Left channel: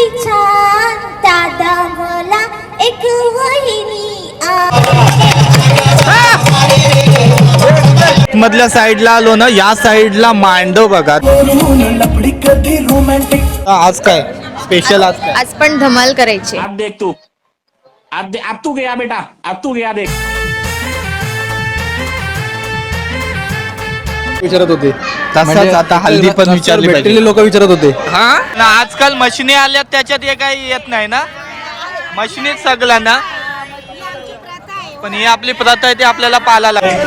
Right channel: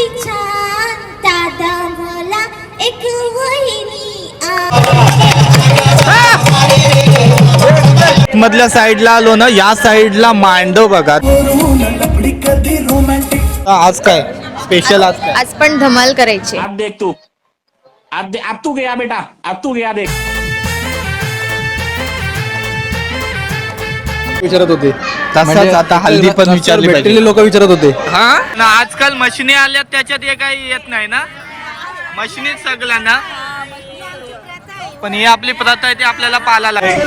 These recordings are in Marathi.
किती छान दादा मला एक वहिनी मधल्या साईडला आलो ना, या साईडला मांडव बघा. आज काय स्पेशल? आज पण धमाल करायची. अब देख तू, अब तू गया बेटा, अब तू गया देख. विचारत होते तसंच आता हल्दी पण विचारली पाहिजे. लोक विचारत होते. हा ना, आजकाल मशिनी आल्यात त्याच्यात हे काही येत नाही ना, मशिनीच सगळं ना. पण ही आपली प्रथा आहे ती आपल्याला पाळायला लागते.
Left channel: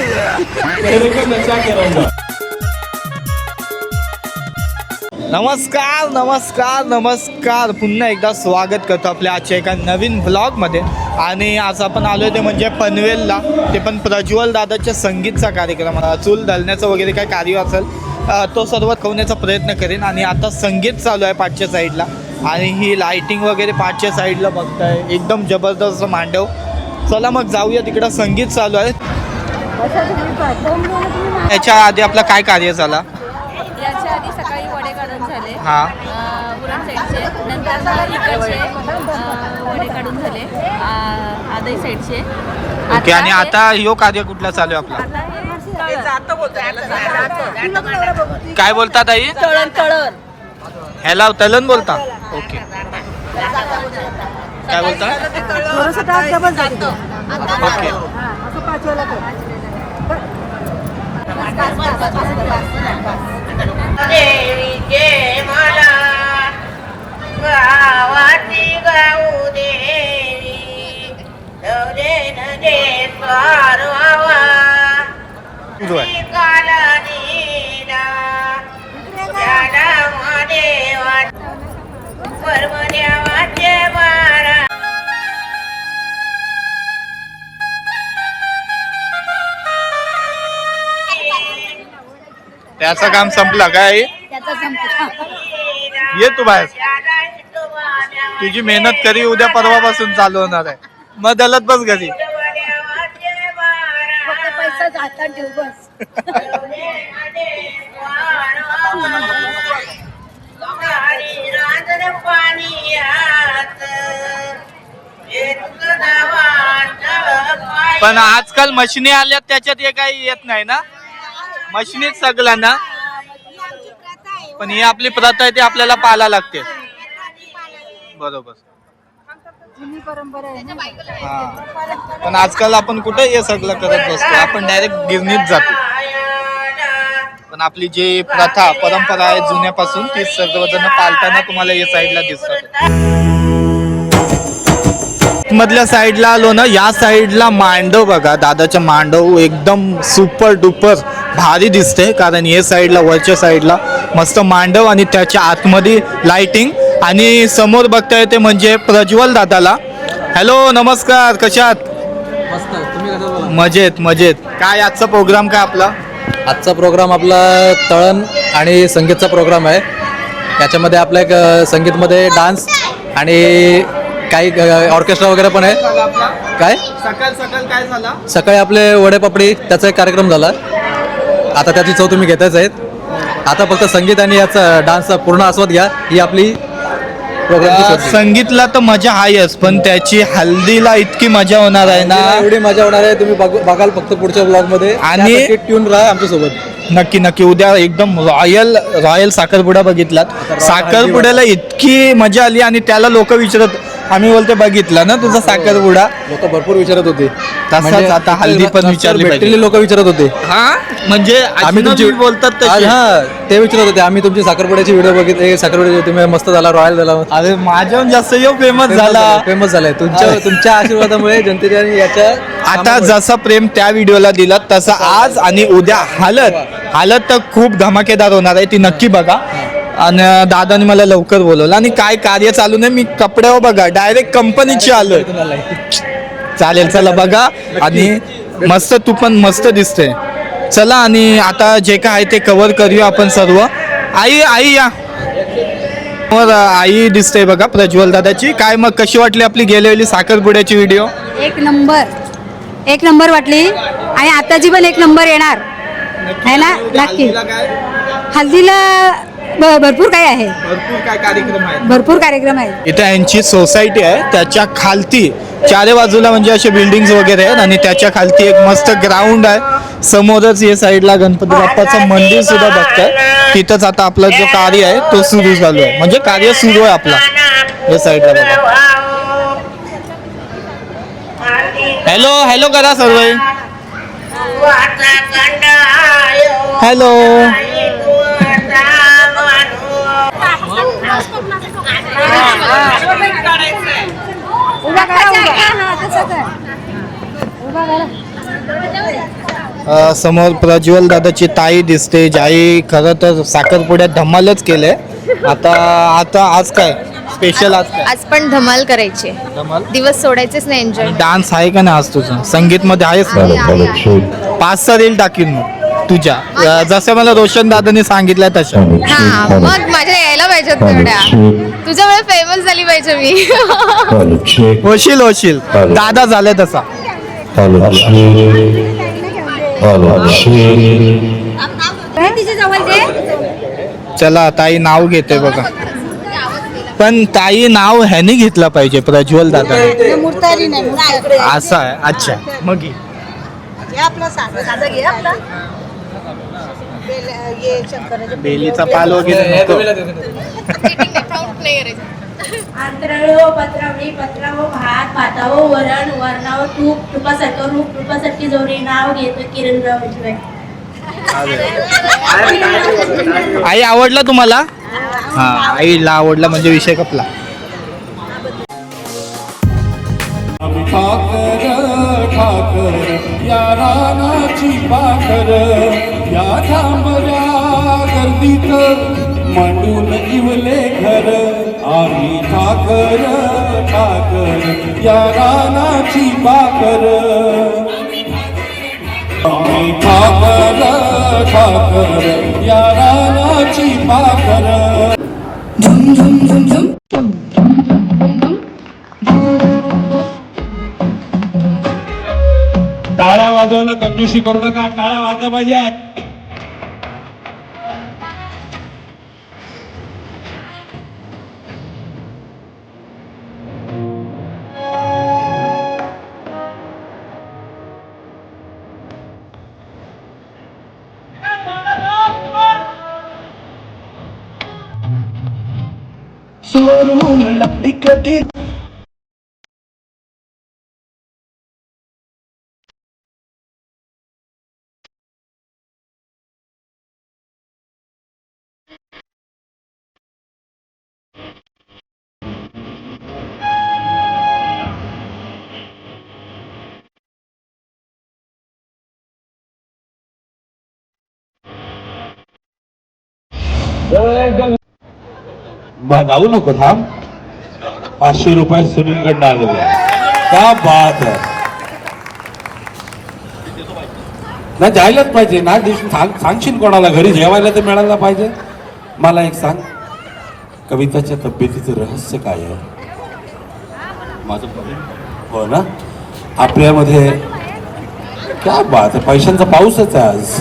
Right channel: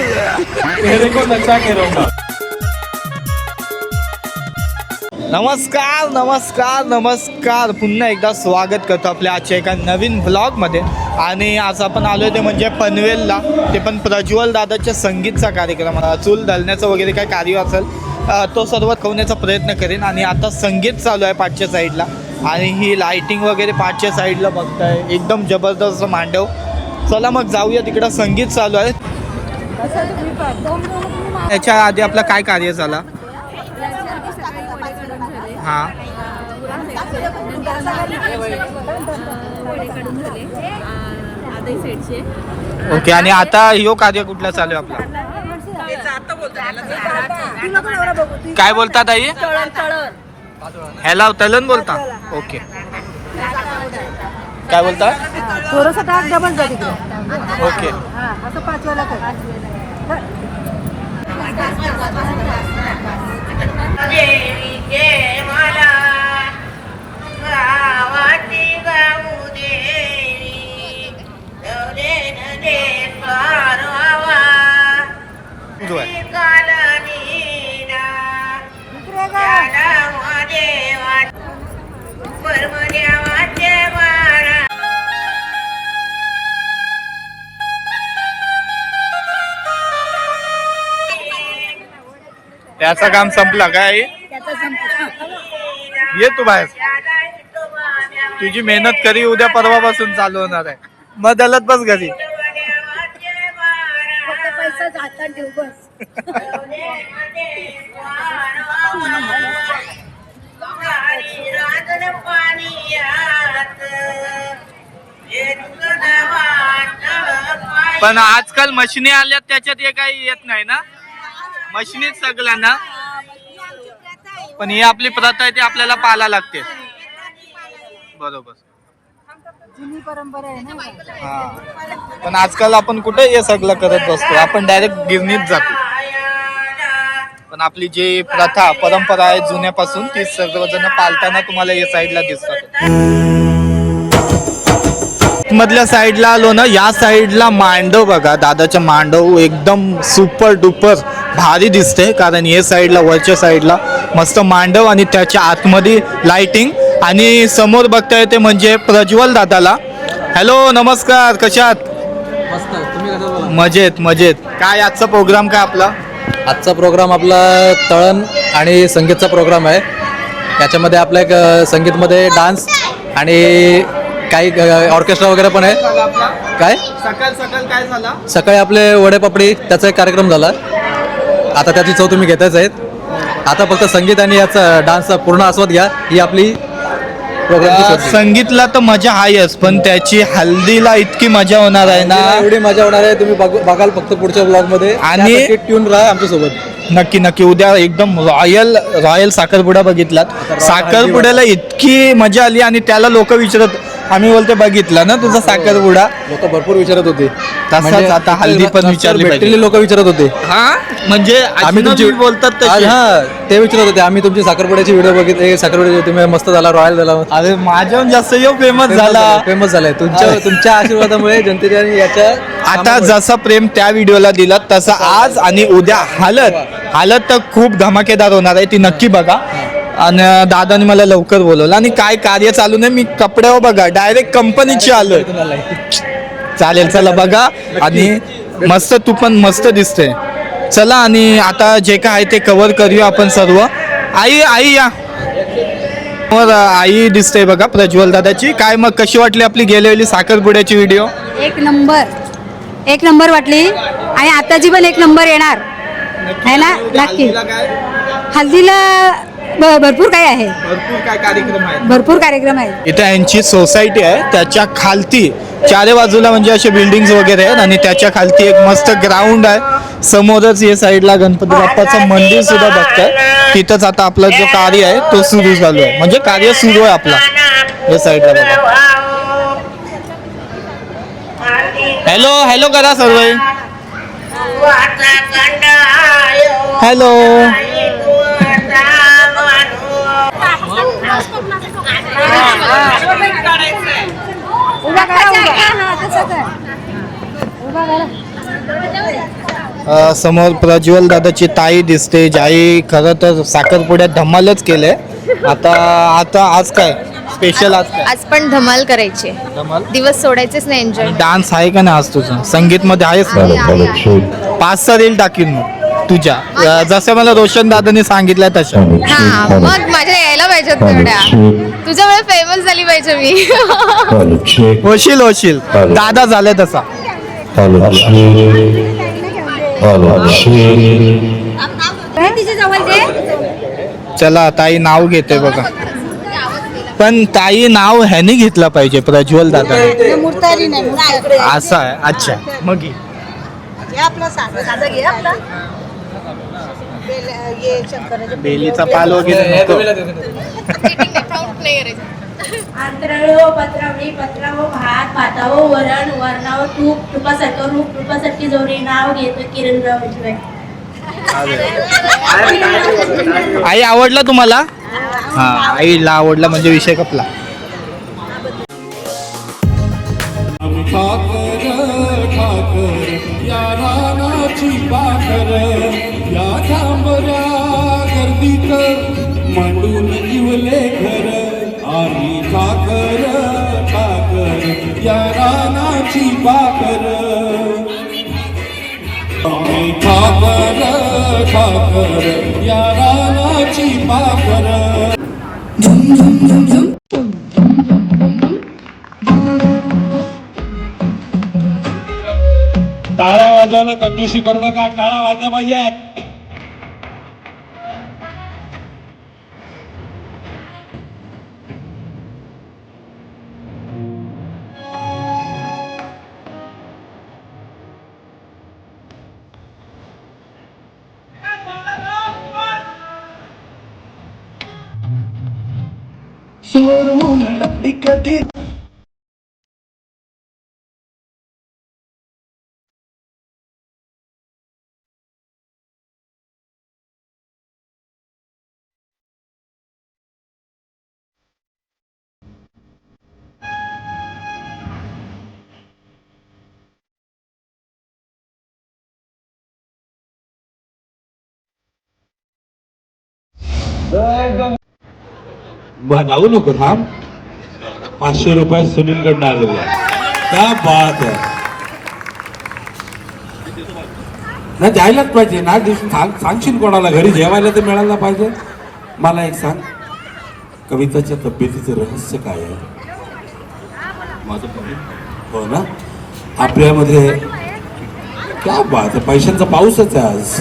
नमस्कार नमस्कार नमस्कार, पुन्हा एकदा स्वागत करतो आपल्या आजच्या एका नवीन व्लॉगमध्ये. आणि आज आपण आलो ते म्हणजे पनवेलला, ते पण प्रज्वल दादाच्या संगीतचा कार्यक्रम, चूल दलण्याचं वगैरे काय कार्य असेल तो सर्व कवण्याचा प्रयत्न करेन. आणि आता संगीत चालू आहे पाठच्या साईडला, आणि ही लाईटिंग वगैरे पाठच्या साईडला बघताय, एकदम जबरदस्त मांडव. चला मग जाऊया तिकडं, संगीत चालू आहे. याच्या आधी आपला काय कार्य झाला? हां ओके. आणि आता ह्यो कार्य कुठला चालू आहे आपला? काय बोलतात आई? ह्याला तलन बोलता? ओके. काय बोलता? ओके. त्याचं काम संपलं काय? ये तू बाहेर, तुझी मेहनत करी उद्या परवापासून चालू होणार आहे. मग दलत बस घरी. पण आजकाल मशिनी आल्यात त्याच्यात हे काही येत नाही ना, मशिनीच सगळं ना. पण ही आपली प्रथा आहे ती आपल्याला पाळायला लागते. बरोबर. हा, पण आजकाल आपण कुठे हे सगळं करत बसतो, आपण डायरेक्ट गिरणीत जातो. पण आपली जी प्रथा परंपरा आहे जुन्यापासून, ती सर्वजण पाळताना तुम्हाला या साईडला दिसतात. मधल्या साईडला आलो ना, या साईडला मांडव बघा, दादाच्या मांडव एकदम सुपर डुपर भारी दिसते. कारण या साईडला, वरच्या साईडला मस्त मांडव, आणि त्याच्या आतमध्ये लाइटिंग. आणि समोर बघता येते म्हणजे प्रज्वल दादाला. हॅलो नमस्कार, कशात? मस्त. तुम्ही कसं? मजेत मजेत. काय आजचा प्रोग्राम काय आपला? आजचा प्रोग्राम आपला तळण आणि संगीतचा प्रोग्राम आहे. याच्यामध्ये आपल्या एक संगीतमध्ये डान्स आणि काही ऑर्केस्ट्रा वगैरे पण आहे. काय सकाळ सकाळ काय झाला? सकाळी आपले वडेपापडी त्याचा एक कार्यक्रम झाला. आता त्याची चव तुम्ही घेताच आहेत. आता फक्त संगीत आणि याचा डान्सचा पूर्ण आस्वाद घ्या. ही आपली प्रोग्रामची संगीतला तर मजा आहेच, पण त्याची हल्दीला इतकी मजा होणार आहे ना, एवढी मजा होणार आहे. तुम्ही बघाल फक्त पुढच्या ब्लॉगमध्ये. आणि ट्यून राहा आमच्यासोबत. नक्की नक्की. उद्या एकदम रॉयल साखरपुडा बघितलात. साखरपुड्याला इतकी मजा आली, आणि त्याला लोक विचारत, आम्ही बोलते बघितला ना तुझा साखरपुडा? लोक भरपूर विचारत होते. तसंच आता हल्दी पण विचारली पाहिजे. लोक विचारत होते. हा म्हणजे आम्ही तुमची बोलतात तशी. हा, ते विचारत होते. आम्ही तुमची साखरपुड्याची व्हिडिओ बघितले, साखरपुड्याची तुम्ही मस्त झाला, रॉयल झाला. अरे माझ्याहून जास्त फेमस झालाय तुमच्या आशीर्वादामुळे जनतेच्या. याच्या आता जसं प्रेम त्या व्हिडिओला दिलं तसं आज आणि उद्या हालत तर खूप धमाकेदार होणार आहे, ती नक्की बघा. आणि दादाने मला लवकर बोलवलं, आणि काय कार्य चालू नाही, मी कपड्यावर बघा डायरेक्ट कंपनीची आलोय. चालेल, चला बघा. आणि मस्त, तू पण मस्त दिसते. चला, आणि आता जे काय आहे ते कव्हर करूया आपण सर्व. आई या आई दिसते बघा प्रज्वल दादाची. काय मग कशी वाटली आपली गेलेली साखरपुड्याची व्हिडिओ? एक नंबर वाटली, आणि आताची पण एक नंबर येणार आहे ना. नक्की. हल्दीला भरपूर काय आहे, भरपूर काय कार्यक्रम आहेत. भरपूर कार्यक्रम आहेत. इथे यांची सोसायटी आहे, त्याच्या खालती चारे बाजूला म्हणजे असे बिल्डिंग्स वगैरे आहेत आणि त्याच्या खालती एक मस्त ग्राउंड आहे. समोरच या साईडला गणपती बाप्पाचं मंदिर सुद्धा बघताय. तिथंच आता आपला जो कार्य आहे तो सुरू झालो आहे, म्हणजे कार्य सुरू आहे आपला या साईडला बघा. हॅलो हॅलो करा सर्व. हॅलो समोर प्रज्वल दादाची ताई दिसते, ज्याई खरं तर साखरपुड्यात धमालच केलंय. आता आज काय स्पेशल? आज काय आज पण धमाल करायची आहे. धमाल? दिवस सोडायचेच नाही, एन्जॉय. डान्स आहे का नाही आज तुझं? संगीत मध्ये आहेस ना? 5-6 रील टाकीन मग तुझ्या, जसं मला रोशन दादाने सांगितलं तशा. हा, मग माझ्या यायला पाहिजेत तेवढ्या. तुझ्यामुळे फेमस झाली पाहिजे मी. होशील दादा झाले तसा. चला ताई नाव घेते बघा, पण ताई नाव ह्याने घेतलं पाहिजे, प्रज्वल दादा. असं आहे. अच्छा मग घे. बेलीचा पाल वगैरे नको. आंतराळो पत्रावळी पत्रावो भात भातावो वरण वरणावो तूप तुपासारखं रूप तुपासारखी जोडी नाव घेतो किरणराव उजवे. आई आवडला तुम्हाला? हा, आईला आवडला म्हणजे विषय कपला. ठाकर या रानाची पाखर या थांबऱ्या गर्दीत मांडून इवले घर. आम्ही ठाकर या रानाची पाखर. आम्ही ठाकर या रानाची पाखर. झुम झुम झुम झुम. टाळा वाजवायला कंजूसी करू नका, टाळा वाजला पाहिजे. शोरूम लपडी कधी जाऊ नको, थांब. 500 रुपये सुनीलकडनं आलेले आहे. क्या बात आहे ना, जायलाच पाहिजे ना. सांगशील कोणाला घरी जेवायला तर मिळायला पाहिजे. मला एक सांग, कविताच्या तब्येतीचं रहस्य काय आहे? माझं हो ना, आपल्यामध्ये क्या बात आहे, पैशांचा पाऊसच आहे आज.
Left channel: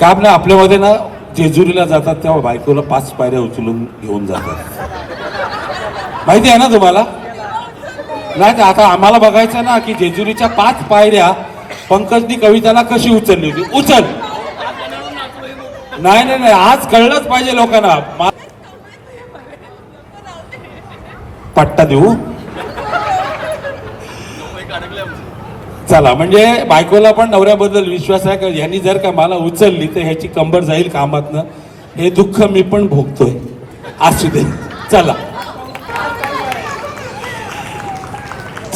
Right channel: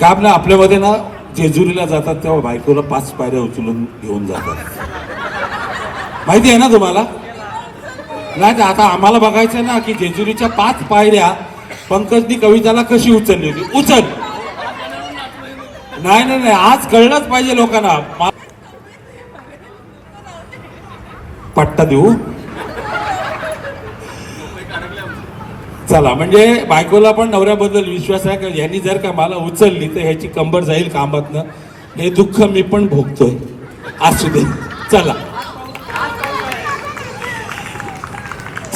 का आपल्यामध्ये ना जेजुरीला जातात तेव्हा बायकोला 5 पायऱ्या उचलून घेऊन जातात, माहिती आहे ना तुम्हाला? नाही आता आम्हाला बघायचं ना की जेजुरीच्या 5 पायऱ्या पंकजनी कविताला कशी उचलली होती. उचल. नाही आज कळलंच पाहिजे लोकांना. पट्टा देऊ. चला, म्हणजे बायकोला पण नवऱ्याबद्दल विश्वास आहे का ह्यांनी जर का मला उचलली तर ह्याची कंबर जाईल कामातनं. हे दुःख मी पण भोगतोय. असू दे. चला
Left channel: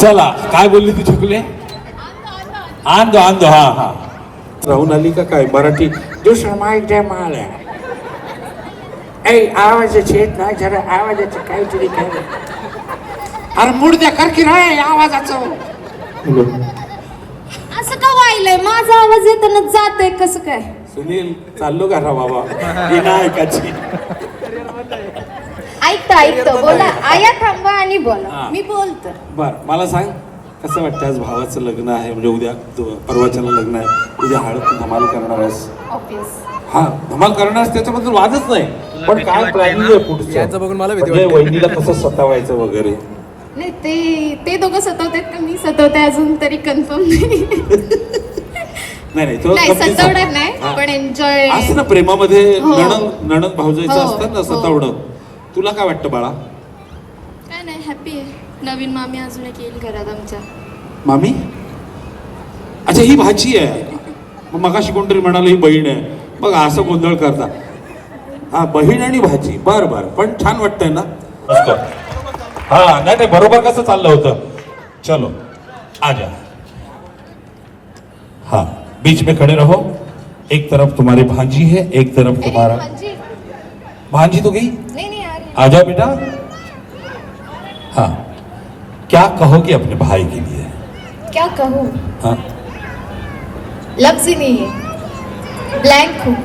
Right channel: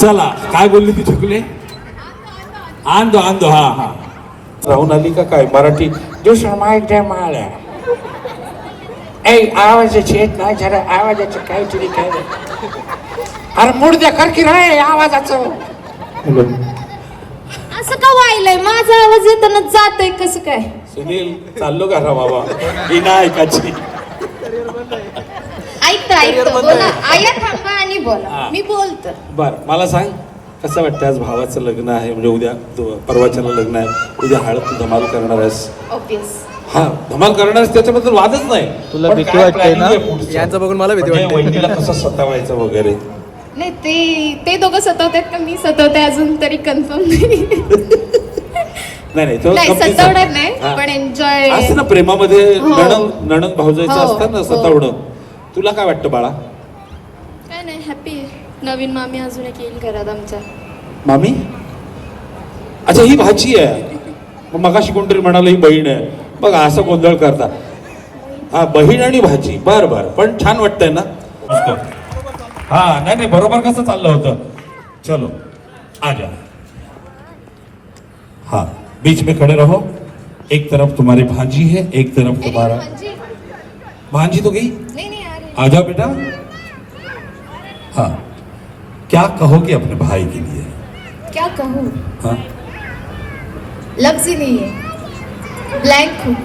चला, काय बोलली ती चुकले? आंदो आंदो. हा राहून आली का काय? मराठी दुसरा माईक द्या मला. आवाजाची येत नाही, जरा आवाजाचं काहीतरी काय. अरे मुडद्या करकी नाही आवाजाचं. असं का व्हायलंय? माझा आवाज येताना जातोय कसं काय? सुनील चाललो का रा बाबा? ही ना ऐकायची. ऐकतो बोला. आया थांबा आणि बोला. मी बोलतो. बर, मला सांग कसं वाटतं? आज भावाचं लग्न आहे, म्हणजे उद्या परवाच्याला लग्न आहे, उद्या हळद धमाल करणार आहेस. ऑब्वियस. हा धमाल करणार त्याच्याबद्दल वादच नाही. तुला पण भीती काय वाटते planning ना? आहे पुढचं? यांचं बघून मला भीती म्हणजे वाटते. वहिनीला कसं सतावायचं वगैरे. नाही ते दोघं सतवतात का मी सतवते अजून तरी कन्फर्म नाही. नाही तो नाही, गमतीचा. सतावण्यात नाही, हा. पण enjoy. असतं ना प्रेमामध्ये हो. नणंद भाऊजाईचं हो, असतात ना हो. सतावणं. तुला काय वाटतं बाळा? काय नाही, हॅपी नवीन मामी अजून एक येईल घरात आमच्या. मामी अच्छा ही भाची आहे. मग मगाशी कोणतरी म्हणाल ही बहीण आहे. बघ असं गोंधळ करता. हा बहीण आणि भाची. बर बर पण छान वाटतंय ना. हा नाही बरोबर कसं चाललं होतं. चलो आजा. हाँ बीच में खड़े रहो. एक तरफ तुम्हारी भांजी है, एक तरफ तुम्हारा. भांजी तो गई. नहीं आ रही. आजा बेटा. हाँ क्या कहोगे अपने भाई के लिए? क्या कहूँ, हाँ लफ्ज ही नहीं है, ब्लैंक हूँ.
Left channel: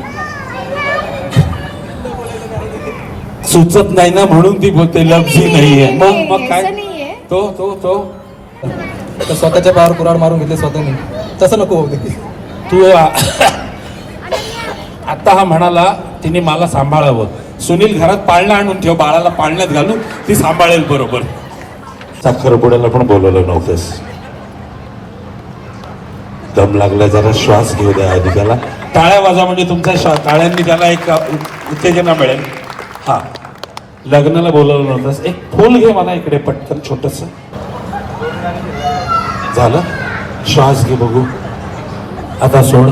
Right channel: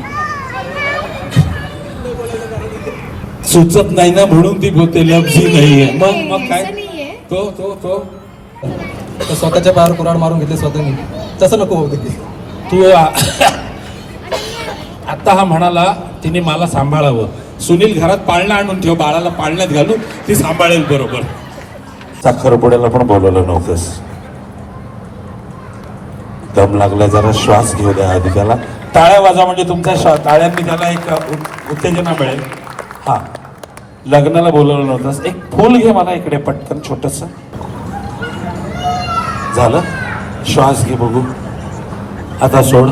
सुचत नाही ना म्हणून ती बोलते लफ्जी नाहीये. मग ऐसा काय नहीं है. तो तर स्वतःच्या पायावर कुऱ्हाड मारून घेतले स्वतःनी. तसं नको होतं की. तू आता हा म्हणाला तिने मला सांभाळावं. सुनील घरात पाळणा आणून ठेव, बाळाला पाळण्यात घालू, ती सांभाळेल बरोबर. साखरपुड्याला पण बोलवलं नव्हतंस. दम लागला जरा श्वास घेऊ द्या आधी त्याला. टाळ्या वाजा म्हणजे तुमच्या टाळ्यांनी त्याला एक उत्तेजना मिळेल. हा लग्नाला बोलवलं नव्हतंस. एक फूल घे मला इकडे पटकन छोटस. झालं श्वास घे बघू. आता सोड.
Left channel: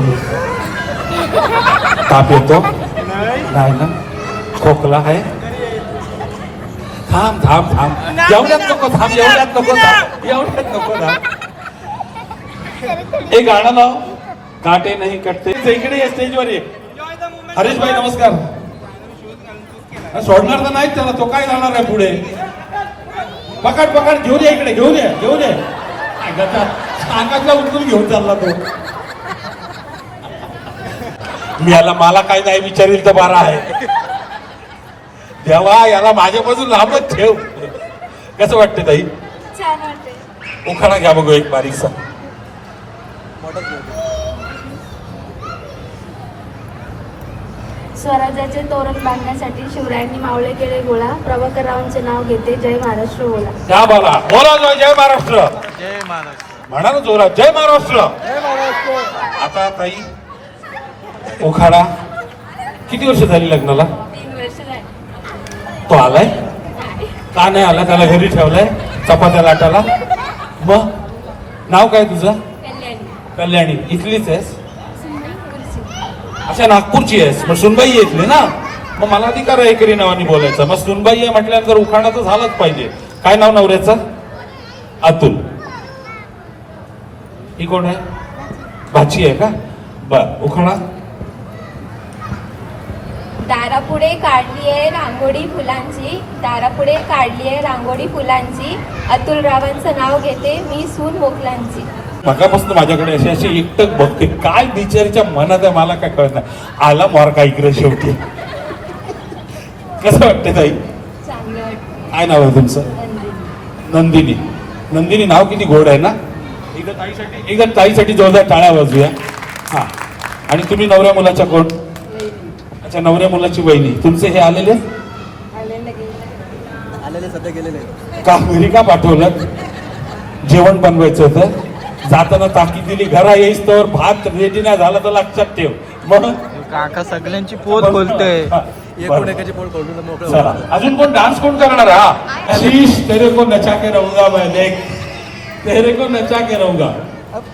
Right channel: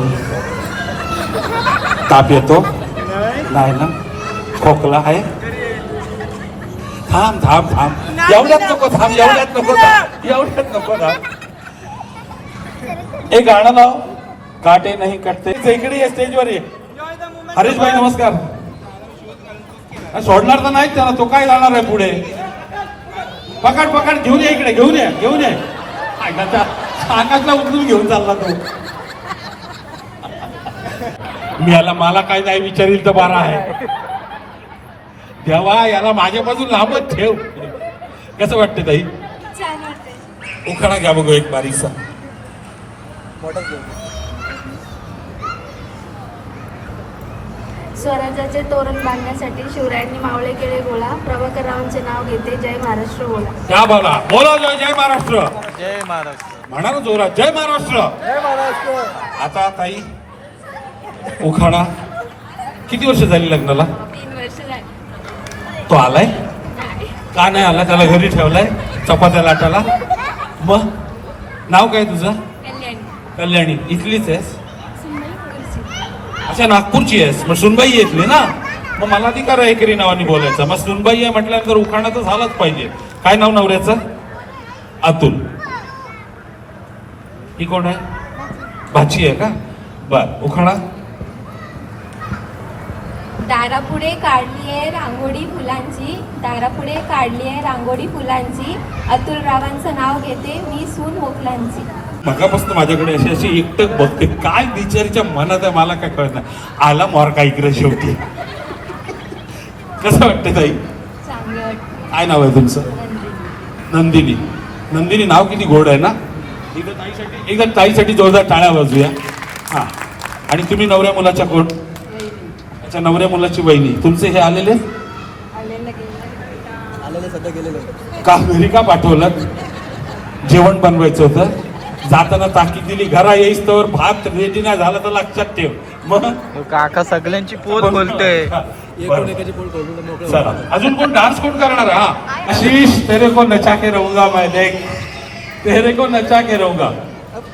ताप येतो नाही ना. खोकला आहे. थांब थांब थांब. एवढ्यात नको थांब. एवढ्यात नको थांब. एवढ्यात नको थांब. एक गाणं नाव काटे नाही कटते. इकडे ये स्टेजवर ये. हरीश भाई नमस्कार. सोडणार तर नाही त्याला. तो काय जाणार आहे पुढे. पकड पकड घेऊन ये इकडे. घेऊन ये घेऊन ये. आकाशला उचलून घेऊन चालला तो. मी याला मला काय नाही विचारील तर बरा आहे. देवा याला माझ्यापासून लांबच ठेव. कसं वाटतं ताई? छान वाटते. उखाणा घ्या बघू एक बारीकसा. स्वराज्याचे तोरण बांधण्यासाठी शिवरायांनी मावळे केले गोळा. प्रभाकररावांचे नाव घेते, जय महाराष्ट्र बोला. त्या बोला बोला जय महाराष्ट्र. जय महाराष्ट्र. म्हणा ना जोरात जय महाराष्ट्र. आता ताई उखाणा. किती वर्ष झाली लग्नाला? 3 वर्ष झाली. तो आलाय का नाही आला? त्याला घरी ठेवलाय चपात्या लाटाला. मग नाव काय तुझं? कल्याणी. कल्याणी. इथलीच आहेस? सुनबाई कुर्सी. अच्छा नागपूरची आहेस. मग सुनबाई येतली ना. मग मला अधिकार आहे एकरी नावाने बोलायचा. मग सुनबाई आहे म्हटल्यानंतर उखाणा तर झालाच पाहिजे. काय नाव नवऱ्याचं? अतुल. ही कोण आहे? भाची आहे का? बर उखाणा. दारापुढे काढली आहे रांगोळी फुलांची. दारापुढे काढली आहे रांगोळी फुलांची. अतुल रावांचं नाव घेते, मी सून बोकलांची. मगापासून माझ्याकडे अशी अशी एकटक बघते. काय बिचारीच्या मनात आहे मला काय कळत नाही. आला मार काय इकडे शेवटी. कसं वाटतं ताई? चांगलं वाटतं. काय नाव आहे तुमचं? नंदिनी. नंदिनी नाव किती गोड आहे ना. इथं ताईसाठी जोरदार टाळ्या वाजूया. हा आणि तुम्ही नवऱ्या मुलाच्या कोण? अच्छा नवऱ्या मुलाची वहिनी. तुमचे हे आलेले सध्या गेले नाही. का घरी का पाठवलं? जेवण बनवायचं होतं. जाताना ताकीद दिली घरा येईस तर भात रेडी नाही झाला तर लक्षात ठेव. म्हणून काका सगळ्यांची पोट बोलतोय. एकूण एकाची पोट खोलून मोकळं चला होतं. अजून कोण डान्स कोण करणार? हा शीश तेरे को नचा के रहूंगा मैं. देख तेरे को नचा के रहूंगा.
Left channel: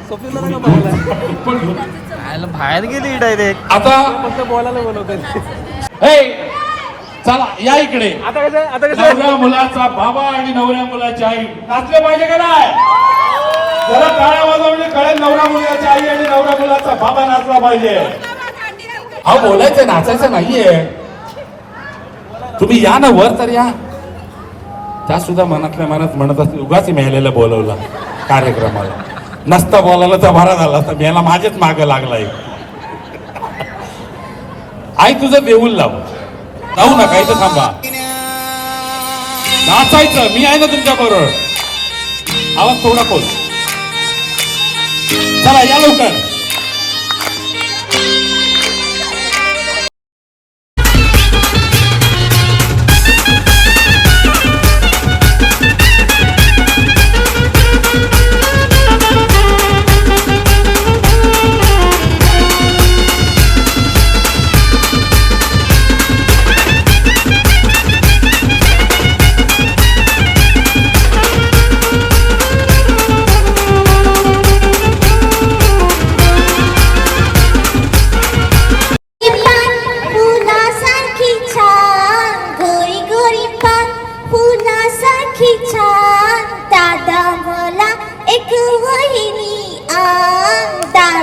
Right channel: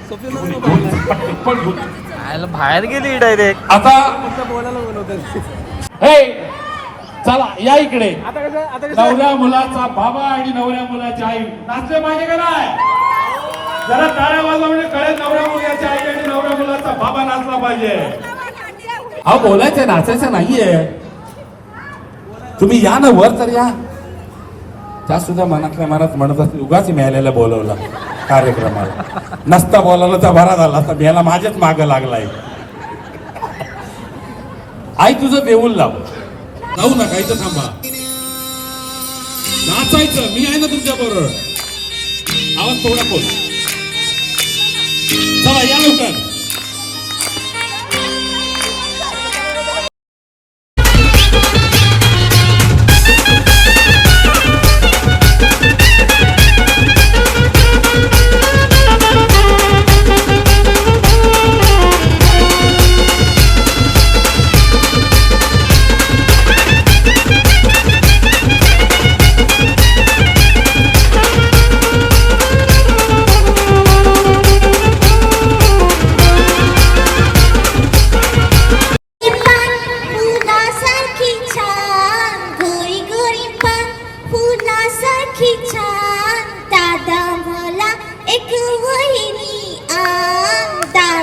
स्वप्नीलला नाही का बोलायला? पण घेऊन. आयला बाहेर गेली डायरेक्ट. आता फक्त बोलायला बोलवतात. हे चला या इकडे. नवरा मुलाचा बाबा आणि नवऱ्या मुलाची आई नाचले पाहिजे का नाही? जरा टाळ्या वाजवणे कळेल. नवरा मुलाची आई आणि नवरा मुलाचा बाबा नाचला पाहिजे. हा बोलायचं नाचायचं नाहीये. तुम्ही या ना वर तर या. त्या सुद्धा मनातल्या मनात म्हणत असतील उगाच मिळालेला बोलवला कार्यक्रमाला. नसता बोलायला तर बरा झाला असता. मेला माझ्याच माग लागलाय. आई तुझं देऊल लाव. जाऊ नका इथं थांबा. नाचायचं. मी आहे ना तुमच्या बरोबर. आवाज थोडा खोल. चला या लवकर.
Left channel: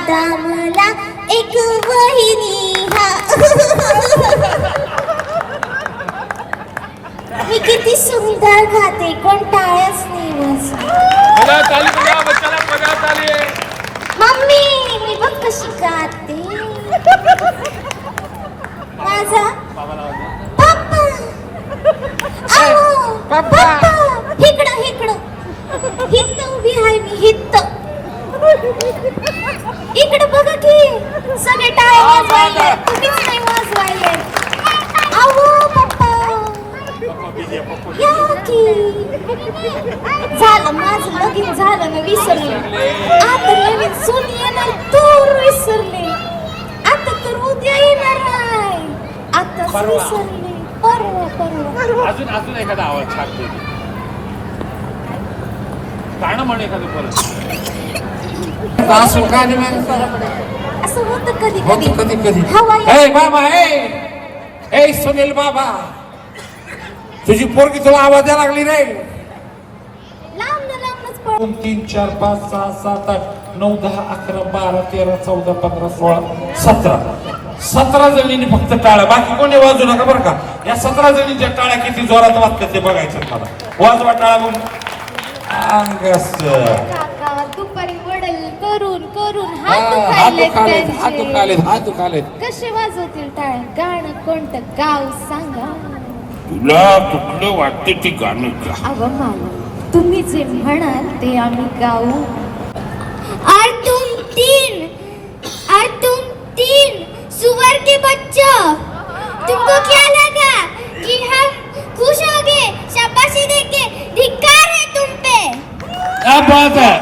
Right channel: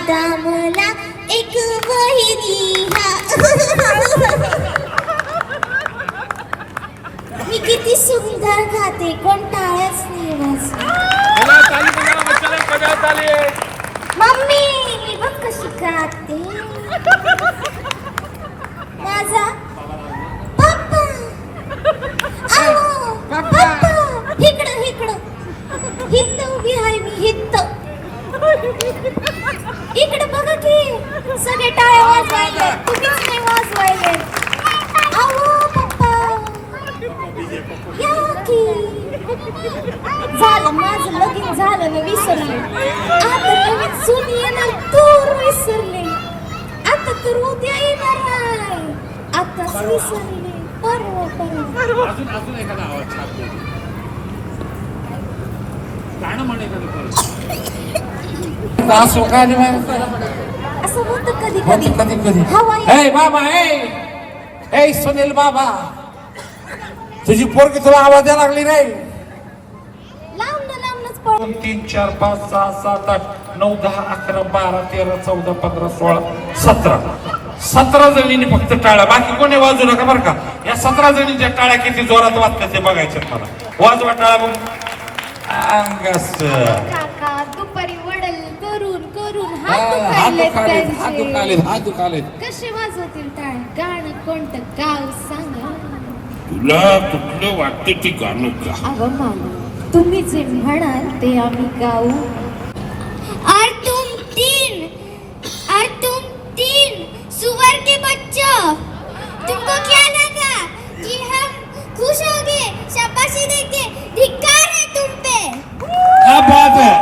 दादा मला एक वहिनी हा मी किती सुंदर गाते कंटाळच नाही मम्मी मी बघ कशी गाते माझा पप्पा आओ पप्पा इकडं हित्त उभी आहे मी हित्त इकडं बघा की सगळे टाळे वाजवायले तुम्हीच नाही वाजवायले आओ पप्पा या की झालं माझं लगीन झालं ना विसरले आता नवीन सून येणार तूर विसरले आता तर उद्या येणार आहे आताच विसरले परवा अजून एखादा आवाज छान देते गाणं म्हण एखादं परत असं होतं कधी कधी हवा ए बाबा ए सुनील बाबा तुझी पोरगी तुला आवाज द्यायला लागली नाही लांबच 2 3 4 5 6 7 8 9 10 11 12 13 14 15 16 17 जणींनी फक्त टाळ्या बाकी कोणी वाजू नका बरं का या 17 जणींच्या टाळ्या किती जोरात वाजतात ते बघायचे मला वाजवा टाळ्या म्हणून काका दुपारी वडल करून हात दुखालेत कसे वाजवतील टाळ्या गाणं कोणतं गाव सांगा तुला कुठलं वाटतं ते गाणं का अव मला तुम्ही जे म्हणाल ते आम्ही गाऊ और तुम तीन सुअर के बच्चों तुमको क्या लगा कि हम खुश हो गए शाबाशी देके धिक्कार है तुम पे क्या बात है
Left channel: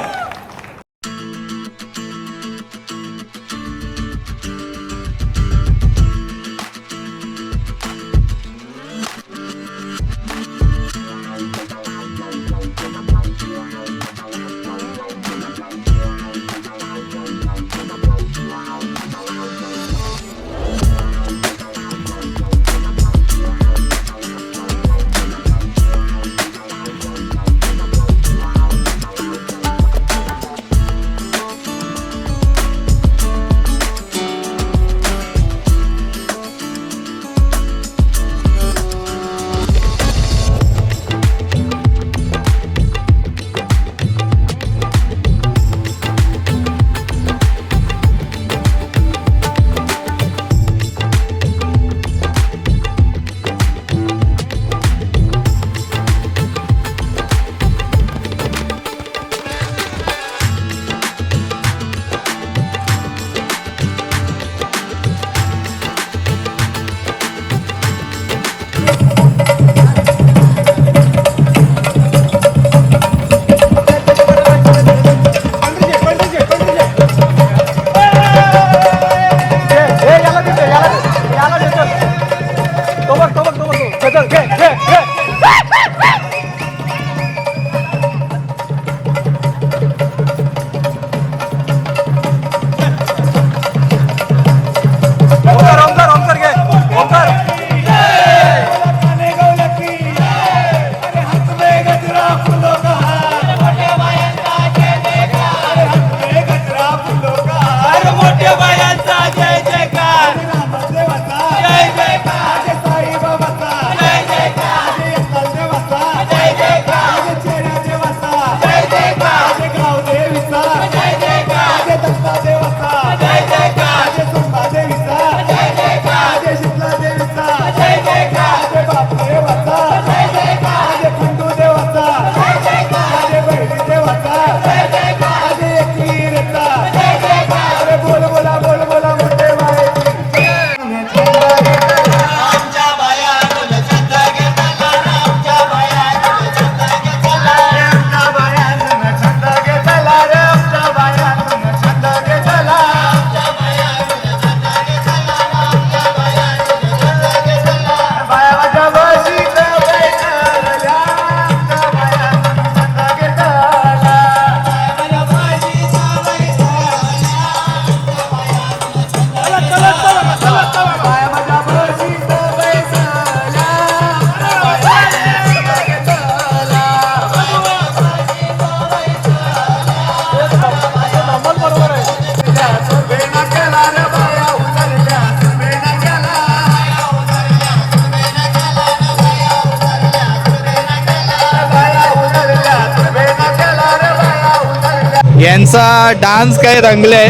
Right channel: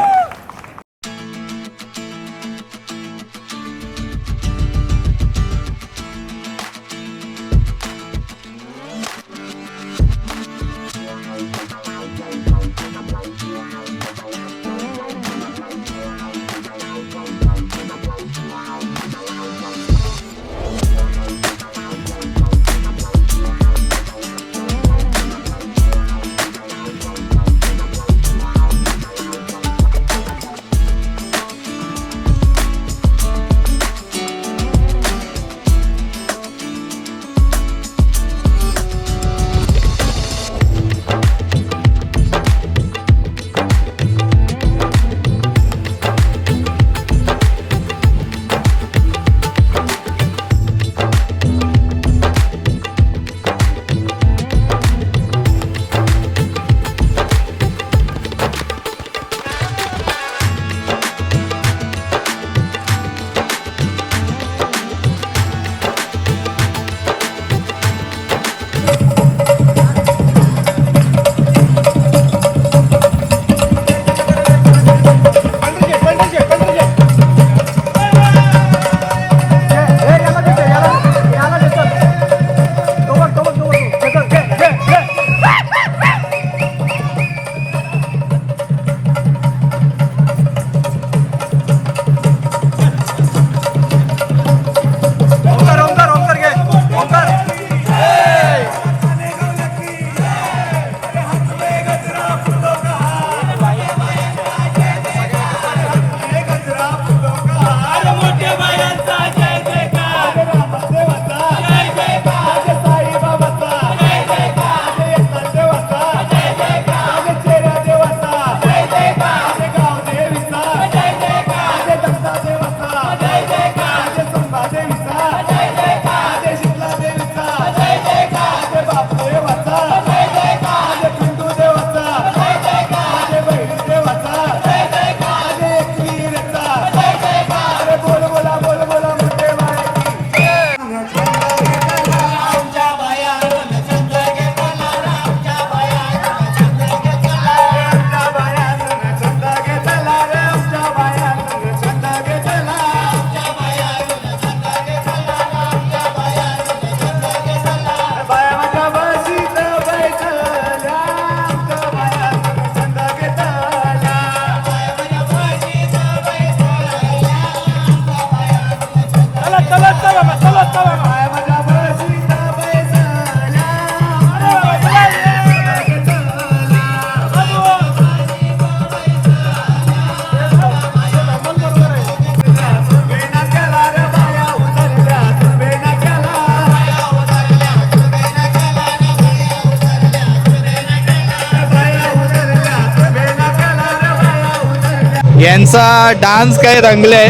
यांचा डान्स काय रंगलाय,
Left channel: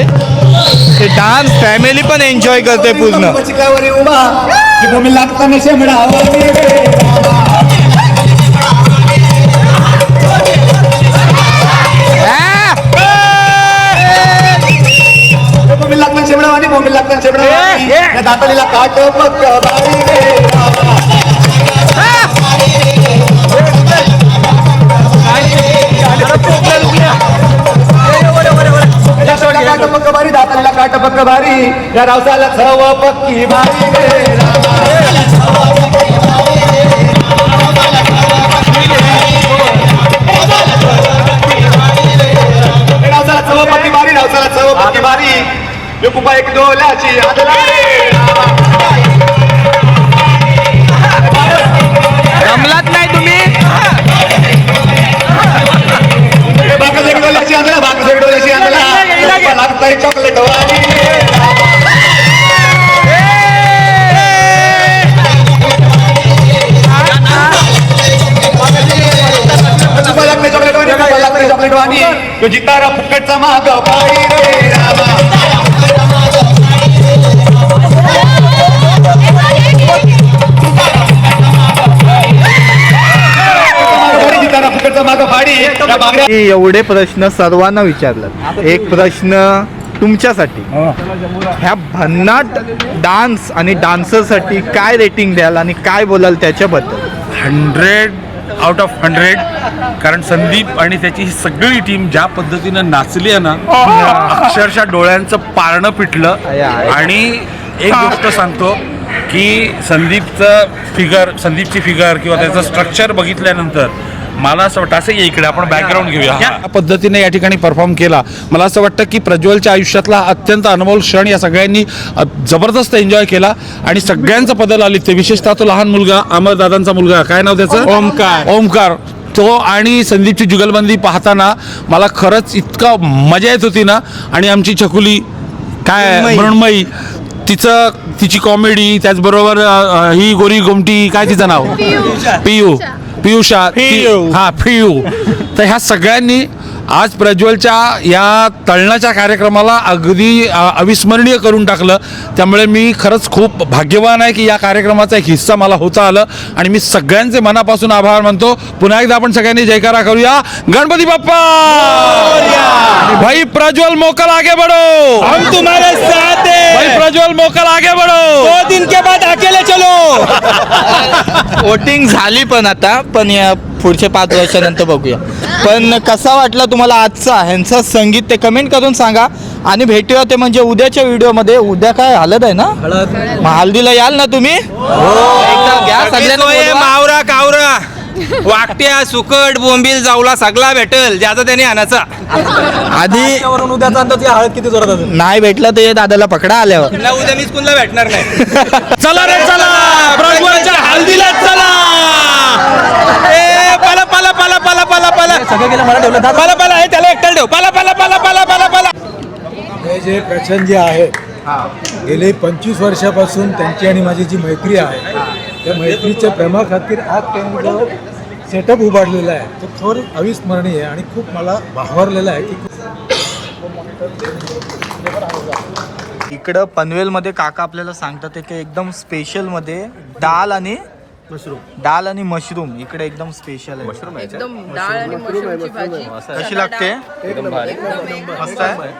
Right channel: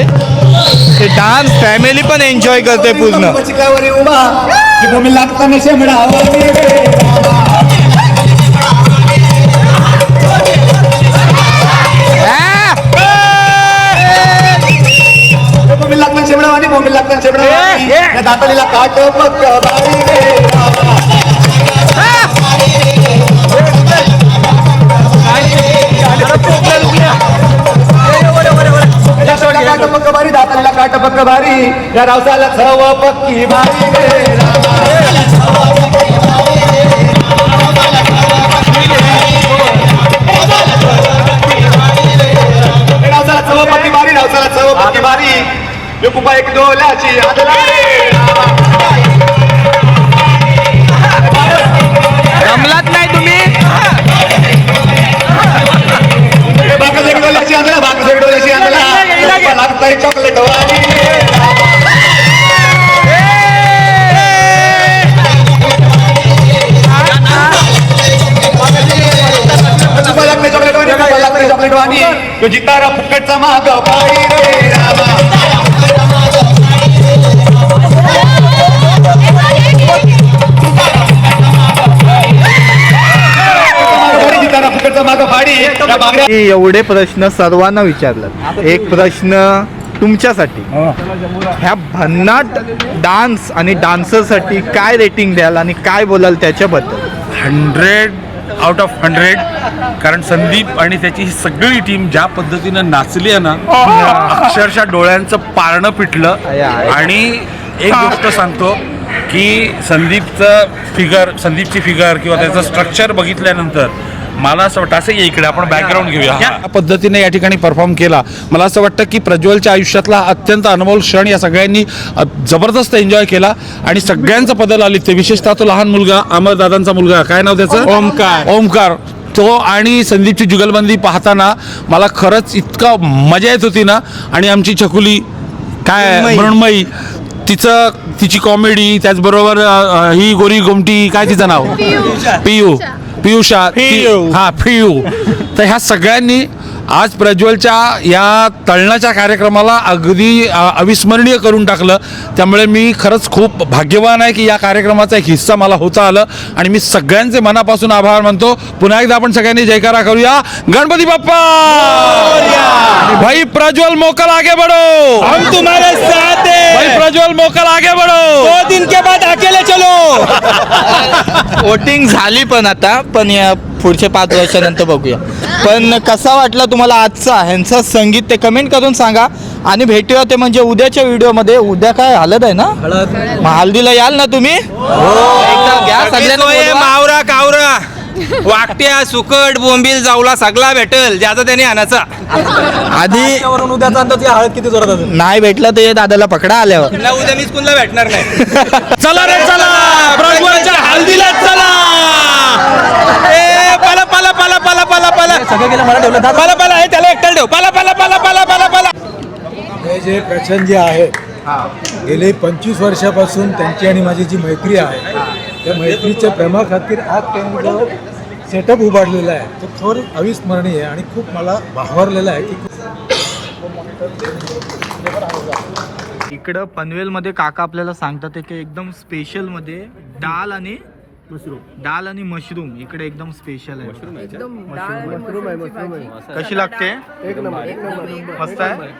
ते डान्स फॅमिली पण एन्जॉय करते पूर्ण. या रावसाला सर्व पक्की बारी कुपा एक डोल्याची रमलात नाही तुम्ही. बाकस एक डोल्याची आणला, बाकस एक डोल्याची आणला लागताय चॉकलेट वाली. चॉकलेट वाणी तो जितारा फुकटचा महाग जितारा फुकटचा माग फाडी. एवढे प्रश्न सर्वांना विचारलं. एक प्रश्न तुमच्यासाठी, ह्या भन्नाट डान्स आणि डान्सरसाठी काय रेटिंग द्याल आणि काय बोलाल त्याच्याबद्दल? 100 out of 100. कारण संदीप आणि त्याची ही सगळी टीम ज्या पद्धतीनं नाचली आहे ना, अक्षरशः डोळ्यांचं पारणं पिटलं. आणि एक गोष्ट सांगतो की संदीपची फिगर किंवा त्याचं स्ट्रक्चर बघितल्यानंतर मला असं वाटतं, असं इकडे आपण बॅकग्राऊंड घेऊया, या पद्धतीने या ठिकाणी परफॉर्म केला. मला असं वाटतं की प्रज्वलच्या आयुष्यातला अत्यंत अनमोल क्षण या सगळ्यांनी जबरदस्त एन्जॉय केला आणि सगळ्यांचं पदल आली. ते विशेषतः तो लहान मुलगा, अमरदादांचा मुलगा, काय नाव त्याचं, ओमकार, तो आणि संदीपची जुगलबंदी पाहताना मला खरंच इतका मजा येत होती ना. आणि आमची छकुली काय मृण्मयी, तिची कॉमेडी, त्याचबरोबर ही गोरी गोमटी, काय तिचं नाव, पियुषा, हा पियू. तर ह्या सगळ्यांनी आज प्रज्वलच्या या तळणाच्या कार्यक्रमाला अगदी अविस्मरणीय करून टाकलं. त्यामुळे मी खरंच खूप भाग्यवान आहे की या कार्यक्रमाचा एक हिस्सा मला होता आलं. आणि मी सगळ्यांचे मनापासून आभार मानतो. पुन्हा एकदा आपण सगळ्यांनी जयकारा करूया. गणपती बाप्पा. भाई प्रज्वल मोकल आगे बढ़ो, हम तुम्हारे साथ हैं. भाई प्रज्वल मोकल आगे बढ़ो, 2 दिन के बाद अकेले चलो. वोटिंग झाली पण या पुढच्या 5 वर्षानंतर बघूया. पण कसा वाटला तुम्हाला आजचा ह्यांचं संगीत ते कमेंट करून सांगा. आणि भेटूया ते म्हणजे उद्याच्या व्हिडिओमध्ये. उद्या काय हळद आहे ना, मग हळदीला याल ना तुम्ही? एकदा घ्या सगळ्यांना मावरा कावरा वाकट्या सुकट बोंबील जाऊला सगळा भेटल, ज्याचा त्याने आणायचा. आधी उद्याचा अंदाज हळद किती जोरात असेल. नाही भेटलं तर दादाला पकडा आल्यावर. उद्या मीच कुणाला भेटणार नाही. चला रे चला, प्रज्वलच्या हळदीला चला. पाला पाला पाला पाला पाला पाला सगळं गेलं मला ठेवलं पाला पाला आहे, त्याला एकट्याला ठेव. पाला पाला पाला पाला पाला पाला. हे जे प्रचंड जे आहेत, गेले 25 वर्षापासून त्यांची आणि माझी जी मैत्री आहे, त्या मैत्रीच्या प्रेमाखातीर आज त्यांनी जो सेटअप उभारलेला आहे तो थोर अविस्मरणीय आहे आणि खूप मला भावरलेला आहे. की इकडं पनवेलमध्ये काका आपल्याला सांगतात की एकदम स्पेशलमध्ये दाल आणि मशरूम इकडे एकदम स्पेशल आहे. कशी लागते? मस्त आहे.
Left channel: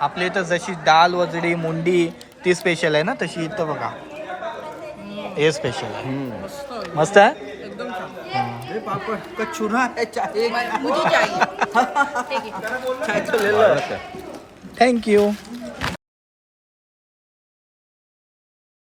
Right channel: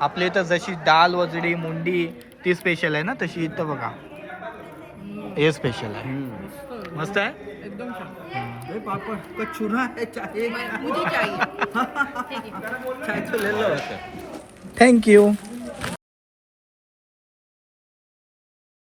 आपल्या इथं जशी दाल वजडी मुंडी ती स्पेशल आहे ना, तशी इथं बघा हे स्पेशल आहे. मस्त आहे. थँक्यू.